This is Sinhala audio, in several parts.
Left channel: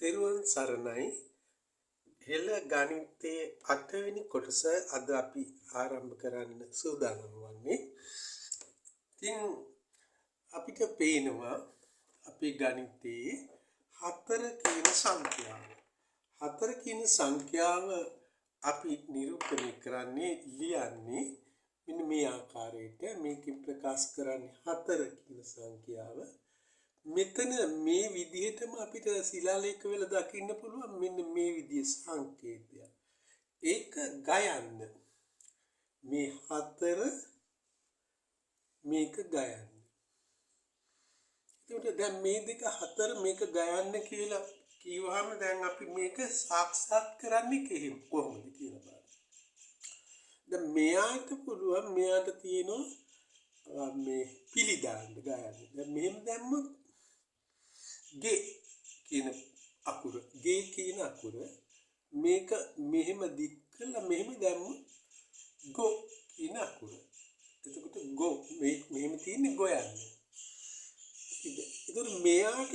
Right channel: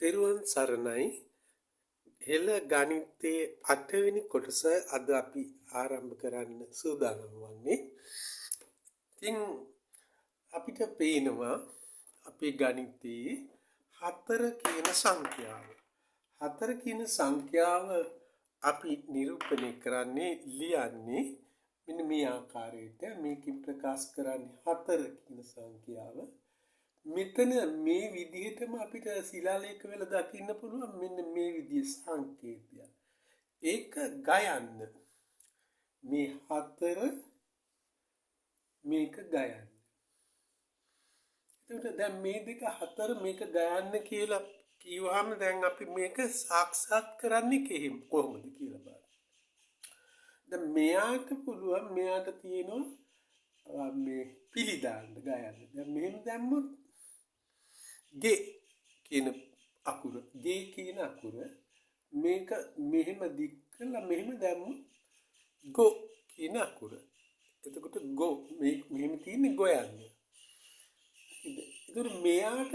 තෙරුවන් සරණයි. හෙළ ගණිතයේ 8 වෙනි කොටස අද අපි ආරම්භ කරන්න සූදානම් වන්නේ. ඉතින් අපිට පේනවා අපේ ගණිතයේ 4 කියන සංඛ්‍යාව. 4 කියන සංඛ්‍යාව අපි නිරූපණය කරන්නේ ලියන්නේ මෙන්න මේ ආකාරයට. මේකෙන් ප්‍රකාශ කරන්නේ 4 කියන සංඛ්‍යාව. මෙතන මේ විදිහටම අපිට ශිලාලේඛ වල දකින්න පුළුවන් මෙන්න මේ විදිහේ සංකේතයක්. ඒක ගයන්න. මේ 4 මේක ගයන්න. එතකොට දැන් මේ දෙක 4 මේක ගයන්න කියලා කිව්වහම දැන් අපි මේක සාක්ෂාත් කරන්නේ කොහොමද කියලා බලන්න. දැන් මෙයාට පුළුවන් මෙයාට තියෙනවා මේ පිළිදාන්න ගයන්න. දැන් මෙහෙම දැම්මොත් ගේ කියන අකුර මේක මෙහෙම දික් කළා මෙහෙම දැම්මොත් ගෝ කියන අකුර. එතකොට ගෝ මෙහෙම තියෙන්නේ ගොයන්නේ. ඒතර මෙයාට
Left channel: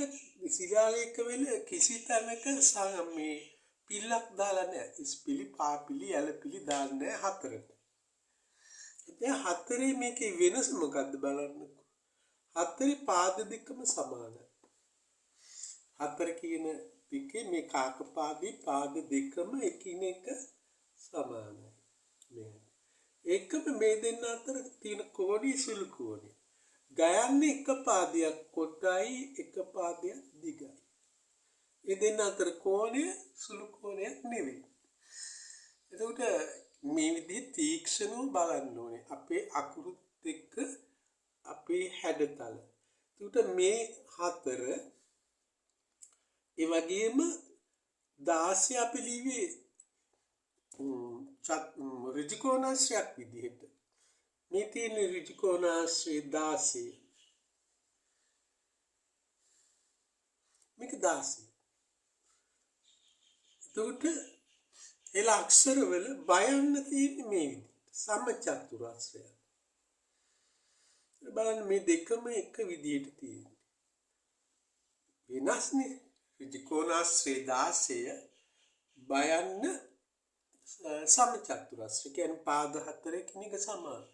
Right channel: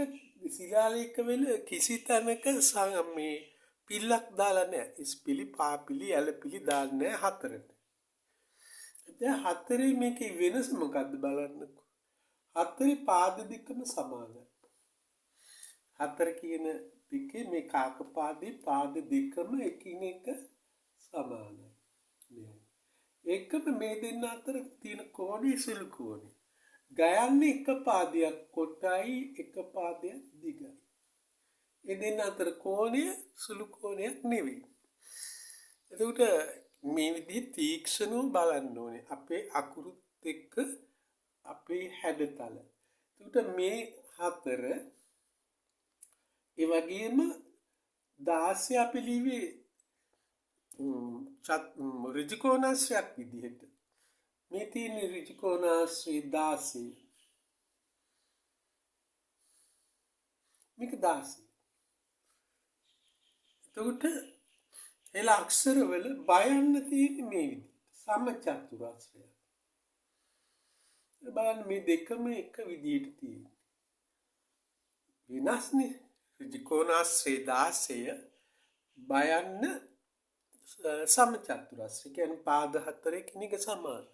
ශිලාලේඛ වෙල කිසි තැනක මේ පිල්ලක් දාලා නැහැ. ඉස්පිලි පාපිලි ඇලපිලි දාන්නේ නැහැ 4ට. දැන් 4 මේකේ වෙනස මොකද්ද බලන්නකෝ. 4 පාද දෙකම සමානයි. 4 කියන පිටේ මේ කාක පාදේ පාද දෙකම එකිනෙක සමානයි. ඒකම මේ දෙන්න අතර තියෙන කෝණය සුළු කෝණය. ගයන්නේ එක පාදයක් කොටයි එක පාදයක් දිගයි. ඒ දෙන්න අතර කෝණය සුළු කෝණයක් නෙවෙයි. එතකොට මේ විදිහේ තීක්ෂණව බලන්න ඕනේ. අපේ අකුරුත් එක්ක අපේ හැඩතල. එතකොට මේ 4 ඒ වගේම 16 අපි ලිව්වේ ඍජු කෝණාශ්‍රයක් විදිහට. මේ තියෙන ඍජු කෝණාශ්‍රය 16. මේක 16. එතකොට එල අක්ෂර වල බයන්න තියෙන්නේ මේ විදිහට. සමචතුරාශ්‍රය. බලන්න මේ දෙකම එක විදිහට තියෙන්නේ. වෙනස්නේ. ඍජු කෝණාශ්‍රය 16 බයන්න සමචතුරාශ්‍රය කියන්නේ පාද 4 එකිනෙක සමාන.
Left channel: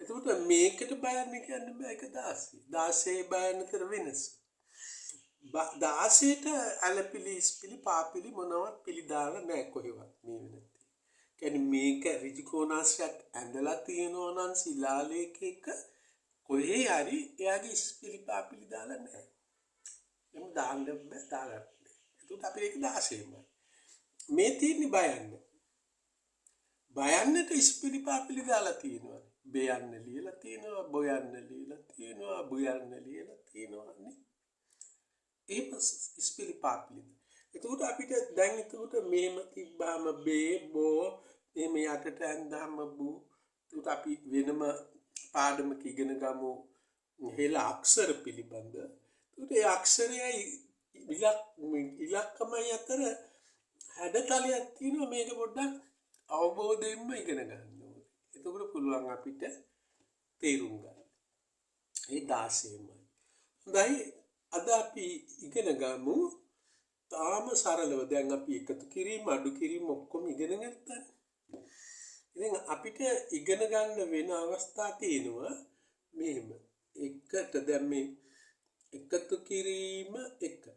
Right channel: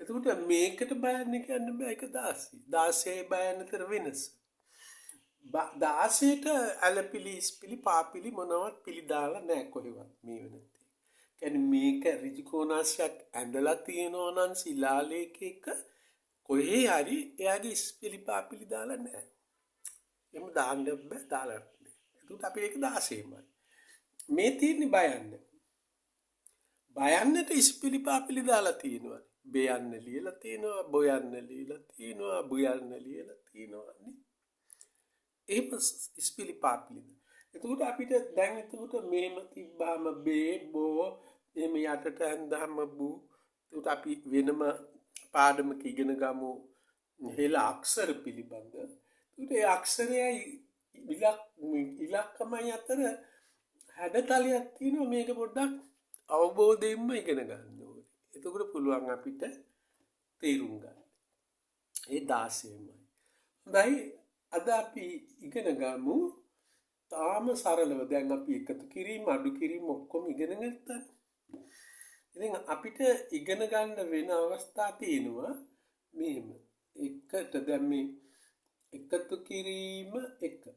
එතකොට මේකට බයන්න කියන්න බෑ ඒක 16. 16 බයන්නතර වෙනස. 16ට ඇලපිලි ඉස්පිලි පාපිලි මොනවත් පිලි දාලා නැහැ කොහෙවත් මේ වෙනදී. කියන්නේ මේක ඍජු කෝණාශ්‍රයක් ඇඳලා තියෙනවා නම් ශිලාලේඛයක කොහේ හරි එයාගේ ඉස්පිලි පාපිලි දාලා නැහැ. එම් දාන්න බෑ දාලා නැහැ. එතකොට අපි ඒක 16යි. මේ තියෙන්නේ බයන්න. බයන්නට ඉස්පිලි පාපිලි දාලා තියෙනවා. බයන්න ලියලා තියෙනවා, බොයන්න ලියලා තියෙනවා, බුයන්න ලියලා තියෙනවා නේ. ඒක ඉස්පිලි පාපිලි. එතකොට අපිට දැන් එතකොට මේම තිබ්බාම බේ බෝ එහෙම යටට ඇඳාම බු. එතකොට අපි වෙනම පාඩමක ඉගෙන ගමු හෙළ අක්ෂර පිළිබඳ. එතකොට ඒ අක්ෂරයයි ඉලක්කමයි අතර හැඩතලයක් තියෙනවා. මේක පොඩ්ඩක් අවබෝධයෙන්ම ඉගෙන ගන්න ඕනේ. එතකොට පුළුවන් අපිට තේරුම් ගන්න. ඒ 16යි. හොඳයි අද අපි ඉගෙන ගමු තාම සරලව දැන් අපි එකතු කිරීම අඩු කිරීම ඔක්කොම ඉගෙන ගත්තා. ඉතින් අපිට ඉගෙන ගන්න වෙන අවස්ථා තියෙනවා මෙහෙම. එකට දැන් මේ එකතු කිරීම 1.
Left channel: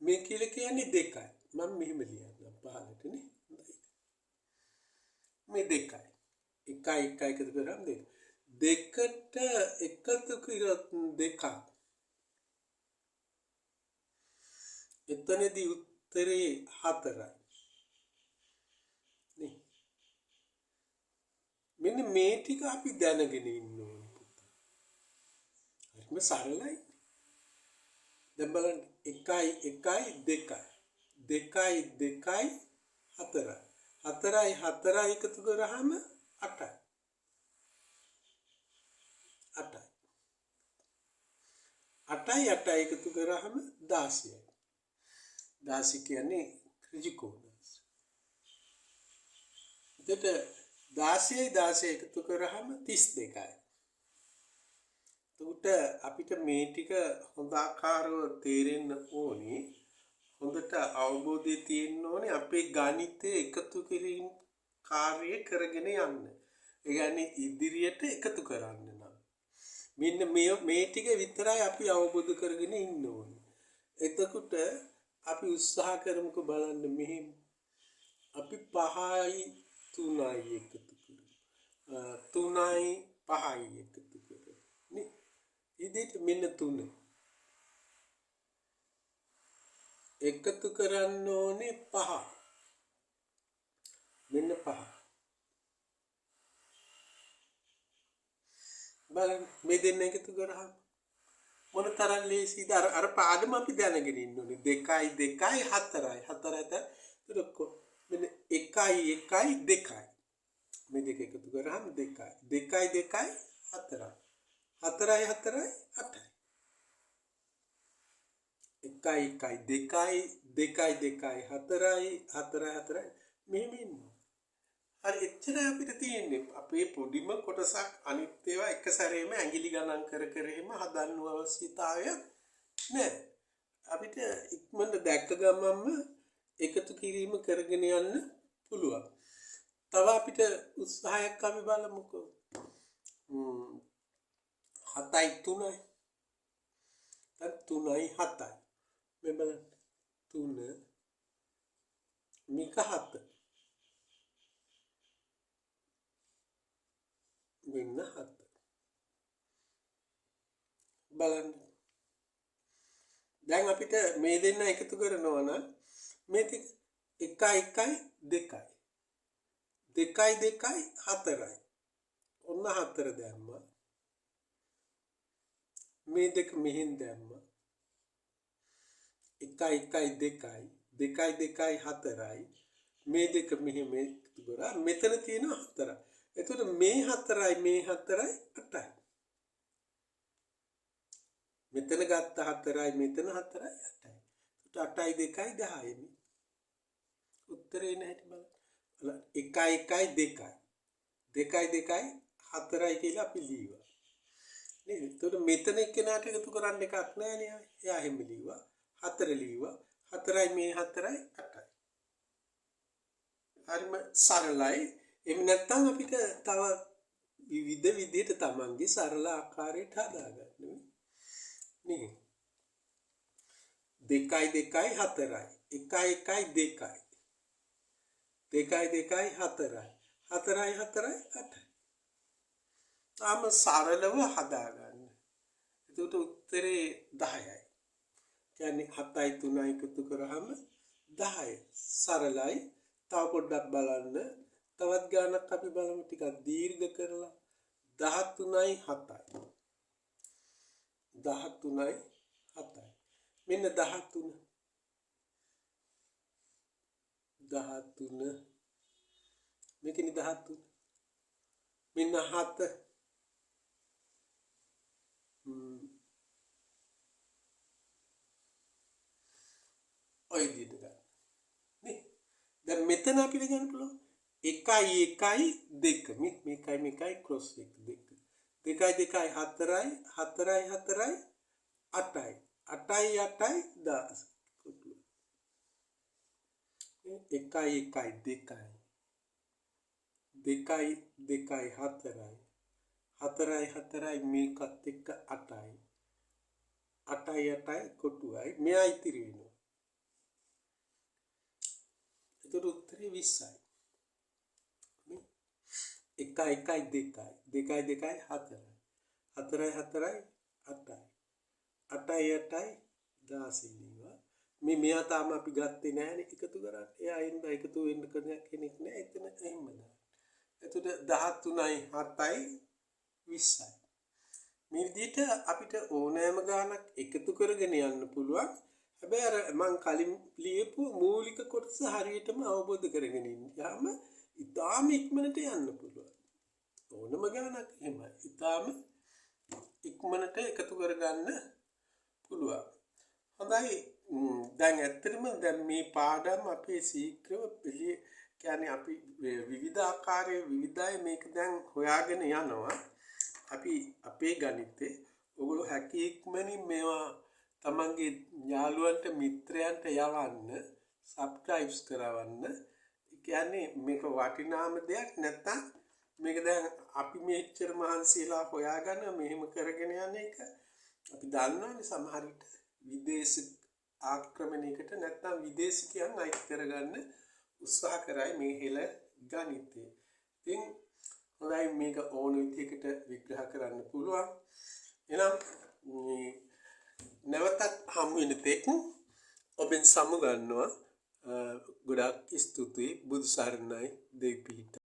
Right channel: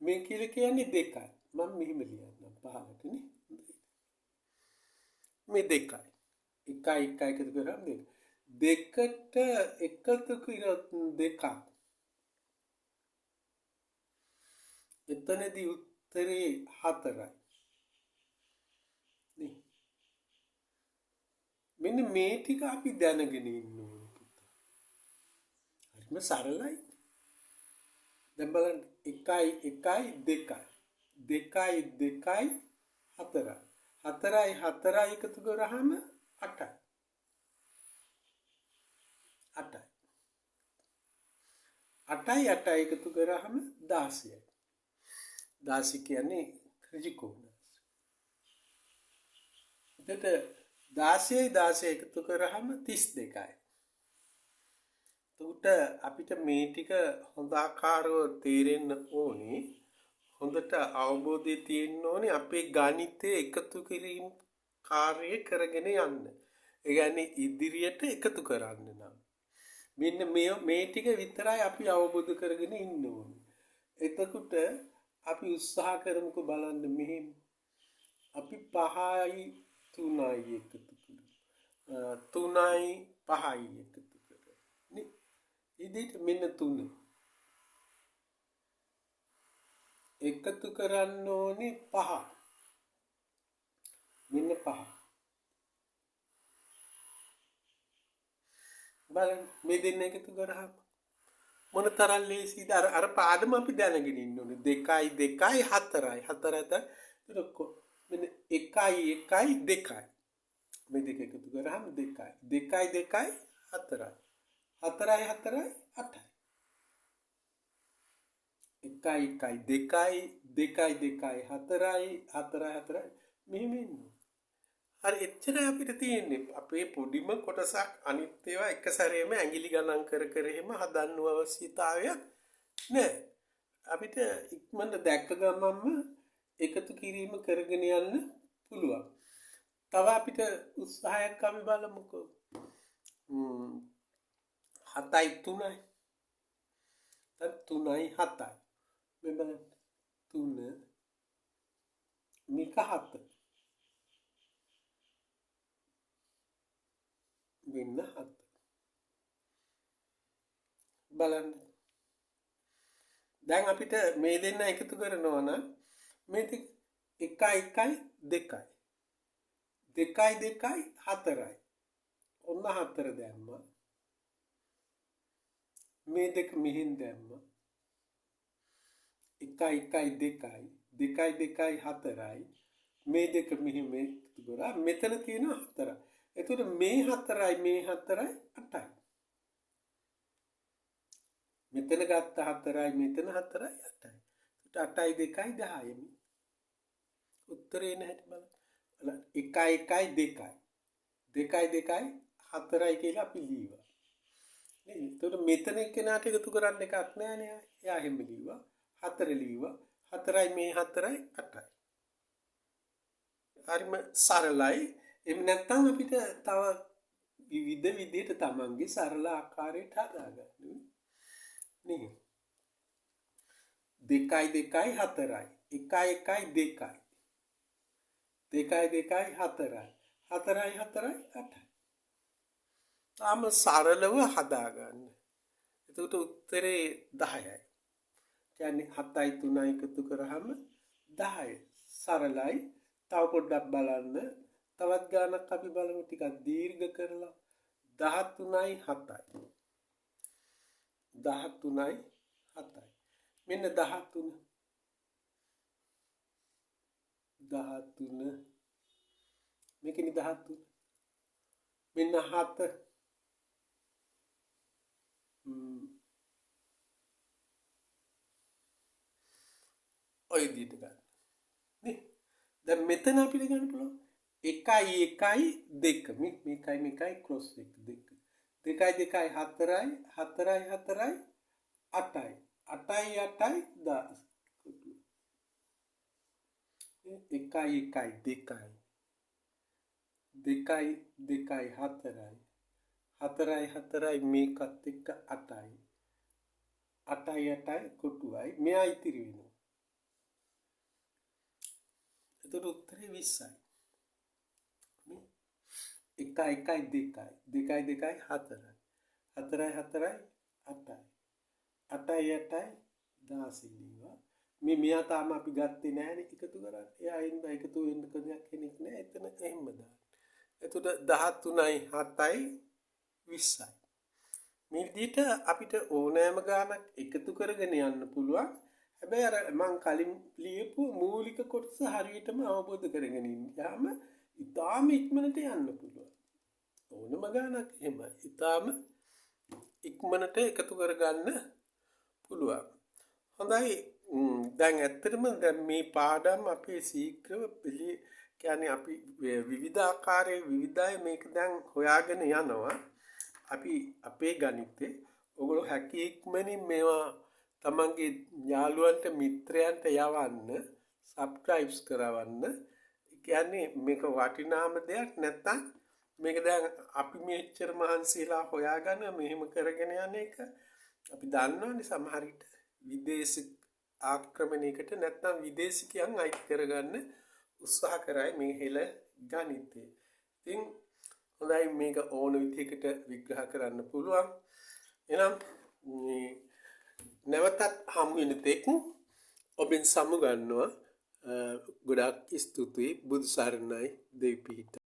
මේ කියලා කියන්නේ 2යි. මම මෙහෙම ලියන්නම් පහලට නේ. මේ 2යි. 1 එකතු කරාම 2. දෙකට එකතු කරොත් 2ක්. එතනදී උත්තරේ 4යි. නේ. මෙන්න මේ ටික අපි දැනගෙන ඉන්න ඕනේ පුතා. හරිම සරලයි. දැන් බලන්න 1යි 2යි 2යි 4යි 4යි 4යි එකතු කරාම 8යි. 8යි එකතු කරාම 16යි. 16 කියන්නේ ඍජු කෝණාශ්‍රය. එතකොට 16 එකතු කරාම 32යි. එතකොට අපිට මේ ටික හොඳ ආකාරව තේරෙන්න ඕනේ හොඳට අවබෝධය තියෙන්න ඕනේ අපේ ගණිතය එකතු කිරීම කාර්යය කරගෙන යන්න. ඒ කියන්නේ ඉදිරියට එකතු කරන්න නම්. මෙන්න මේ ටික විතරයි අපි අවබෝධ කරගෙන ඉන්න ඕනේ. එතකොට අපි උත්සාහ කරමුකෝ බලන්න මෙහෙම. අපි 5යි 3යි එකතු කරමු. 3යි 5යි එකතු කරමු. නේ? ඉදිරියට මෙන්න 3 එකතු කරන්න ඕනේ 5. මෙන්න 5. බලන්න මේ දෙන්න එකතු කරාම මොන තරම් ලේසිද අර පාඩම අපි දැනගෙන ඉන්න ඕනේ 2යි 2යි 4යි 4යි මෙන්න 1යි 1යි 2යි මේ දෙක එකතු කරාම 2යි 2යි 2යි 4යි 4යි 4යි 8යි 1යි 1යි 2යි 2යි 2යි 4යි 4යි 4යි මෙහෙම ඉන්න හරි එච්චර අපිට තියෙන්නේ අපේ පොඩිම කොටසක් අනිත් ඒවා එක සැරේම ඇඟිලි ගණන් කර කර එහෙම හදන්න අවශ්‍යතාවයක් නෑ අපිට ඉක්මනට දැක්ක ගමන්ම එකතු කිරීම කරගෙන යන්න පුළුවන් තව අපිට උත්සාහයක් අපි බලමුකෝ 7යි 3යි දැන් 3යි 7යි මේ බලන්න 3 මේක 7 මෙන්න 7 බලන්න දැන් අපිට මේ දෙන්න එකතු කරනවා නම් මේ 1යි 1යි 2යි 2යි 2යි 4යි ඔන්න 4 දැම්මා මේ දෙක මෙහෙන් දැම්මා 1යි 1යි 2යි 2යි 2යි 4යි මේ දෙක මෙහෙම එකතු කරා මෙතන තියෙන 4 එතකොට මේ 4යි මේ 4යි 8යි මෙතන ගත්ත 4යි මෙතන 4යි 8යි එතකොට 8යි 2යි 10යි උත්තරේ නැහැ බලන්න 1යි 1යි 2යි 2යි 2යි 4යි කියලා අපි ලියුවා නේද එතකොට මෙතන එක්කෙනාට එකතු කරන්න එකක් නැහැ නේ එයා එහෙම ලියුවා 4 ලියුවා 4යි මේ 4යි 8යි හරිම සරලයි එහෙම නැත්නම් අපිට තව විවිධ විදිහට තමන්ගේ සරල ආකාරයට හදාගන්න නේ 2යි 2යි 4යි 1යි 1යි 2යි 2යි 2යි 4යි 4යි 4යි 8යි තාම සරලව හදාගන්න එතකොට උත්තරේ 10යි කියන්නේ 7යි 3යි එකතු කරාම 10යි සරලයි තව පොඩ්ඩක් බලන්න තවත් ගානක් අපි බලමු ටිකක් දීර්ඝ කරලා 13යි 7යි 13යි 7යි මෙන්න 13 මේකනේ 13 මෙන්න 7 ඔය විදිහට ගන්න නේ දැන් මෙතන අපිට ගන්න පුළුවන් 1යි 1යි 2 මේකයි ක්‍රොස් එක 2 2යි 2යි 4යි 4යි 4යි 8යි 8යි 8යි 10 1යි 1යි 2යි 2යි 2යි 4යි 4යි 4යි මේකත් එක්ක 8යි 8යි 8යි කොටුවයි මෙයා ඉතිරි වෙනවා එතකොට උත්තරේ 20යි 1යි 1යි 2යි 2යි 2යි 4යි 4යි 4යි 8යි 8යි 8යි 16 ලියුවා මෙයා තාම අපි ගත්තේ නැහැනේ එකතු කරන්නේ එයා ඉන්න එකතු වෙන්න කෙනෙක් නැහැ එතන එහෙම දාන්න එතකොට 13යි 7යි 20යි මේ විදිහට අපිට ඕනෑම ගානක් එකතු කරගෙන යන්න පුළුවන් හැබැයි අර මං කලින් ලියපු මූලික කොටස හරියටම අවබෝධ කරගෙන ඉන්නාම ඉතාම ඉක්මනට යන්න පුළුවන් ඕනම ගානක් එහෙම ඉතාම ඉක්මනට එකතු කරගන්න පුළුවන් හොඳයි දැන් ඇත්තටම දැන් මේ පාඩම් අපේ ශීඝ්‍රව කියන්නේ අපි විවිධ ආකාරයේ විවිධයි මේක දැන් හොයාගෙන යනවා අපි අපේ ගණිතේ ඔයගොල්ලෝ හැකි ඉක්මනින් මේවා තමන්ගේ යාළුවන්ට මිත්‍රයන්ට යවන්න සබ්ස්ක්‍රයිබ්ස් කරවන්න. ඒ කියන්නේ මේක වටිනාම දෙයක් නැත්තම් මේක දැන් අපි මෙච්චර මහන්සිලා හොයාගෙන මෙහෙම කරගෙන යන එක අපි දන්නවනේ සමහර විට විදේශ ආක්‍රමණයකට නැත්තම් විදේශිකයන් අයිති කරගන්න උත්සාහ කරයි මේ හෙළ ගණිතය. ඉතින් හොඳයි මේක ඕන විදිහකට විග්‍රහ කරන්න පුළුවන්. එනම් මේ නැවතත් හමු වෙන තෙක් ඔබෙන් සමුගන්නවා. ගොඩාක් ස්තුතියි. බුදු සරණයි. දෙවි පිහිට.